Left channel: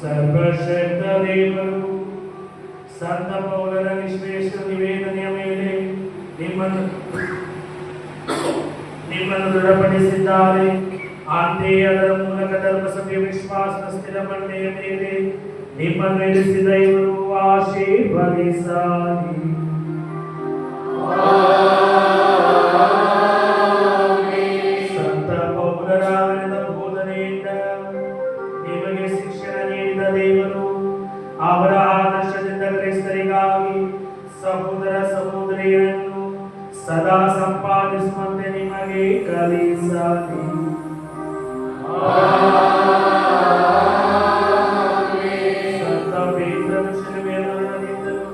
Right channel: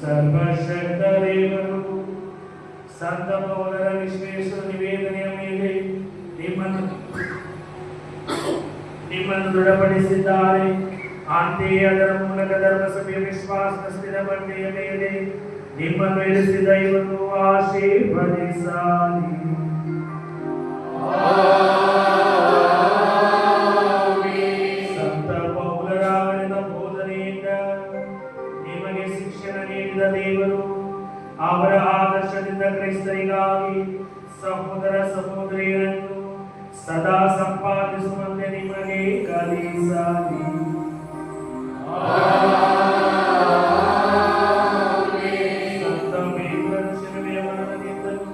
ಸರ್ವಶಕ್ತ ದೇವರು ಸಂತ ಪೌಲರ ನಿಶ್ರೇಷ್ಠ ನಿವೇದನೆಯ ಮೇಲೆ ನಿಮ್ಮನ್ನು ದೃಢಪಡಿಸಿದ್ದಾರೆ. ಅಂತೆಯೇ ಅದರ ಮೂಲಕ ಧರ್ಮಸಭೆಯ ವಿಶ್ವಾಸದ ಸ್ಥಿರ ಬಂಡೆಯ ಮೇಲೆ ನಿಮ್ಮನ್ನು ಇರಿಸಿದ ಇವರು ಆಶೀರ್ವದಿಸಲಿ. ಸಂತ ಪೌಲರ ಬೋಧನೆಯಿಂದ ನಿಮಗೆ ಶಿಕ್ಷಣ ನೀಡಿದ ದೇವರು ಅವರ ಆದರ್ಶದಿಂದ ಕ್ರೈಸ್ತರಿಗಾಗಿ ಸಹೋದರ ಸಹೋದರಿಯರನ್ನು ಸದಾ ಸಂಪಾದಿಸುವಂತೆ ನಿಮಗೆ ಕಲಿಸಲಿ. ಸಂತ ಪೇತ್ರನು ಶಿಲುಬೆಯ ಮರಣದಿಂದಲೂ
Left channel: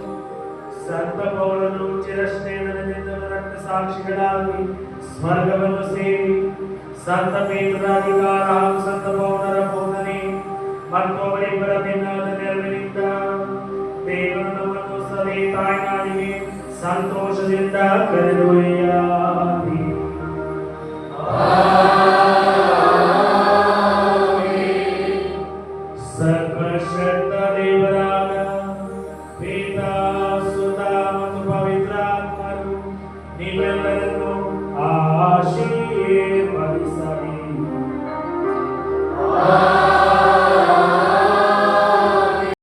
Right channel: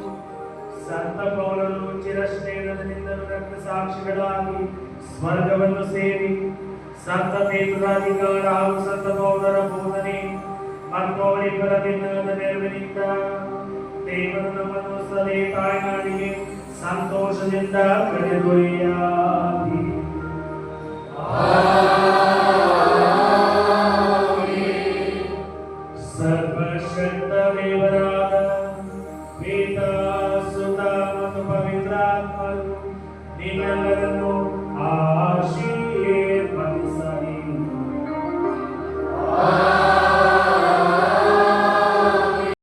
ಸಂತ ಪೌಲನು ಚಿರಸ್ನೇಹದಿಂದಲೂ ರಕ್ತ ಸಾಕ್ಷಿಗಳಾಗಿ ಸ್ವರ್ಗವನ್ನು ಸೇರಿ ಸಂತ ಪೇತ್ರರ ಅಧಿಕಾರ ಹಾಗೂ ಸಂತ ಪೌಲರ ಬೋಧನೆ ಮತ್ತು ಅವರಿಬ್ಬರ ಭಿನ್ನವಾದ ನೆರವಿನಿಂದ ದೇವರು ನಮ್ಮನ್ನು ಸದೇ ತಾಯ್ನಾಡಿಗೆ ಸಂತೋಷದಿಂದ ಕರೆದೊಯ್ಯಲಿ.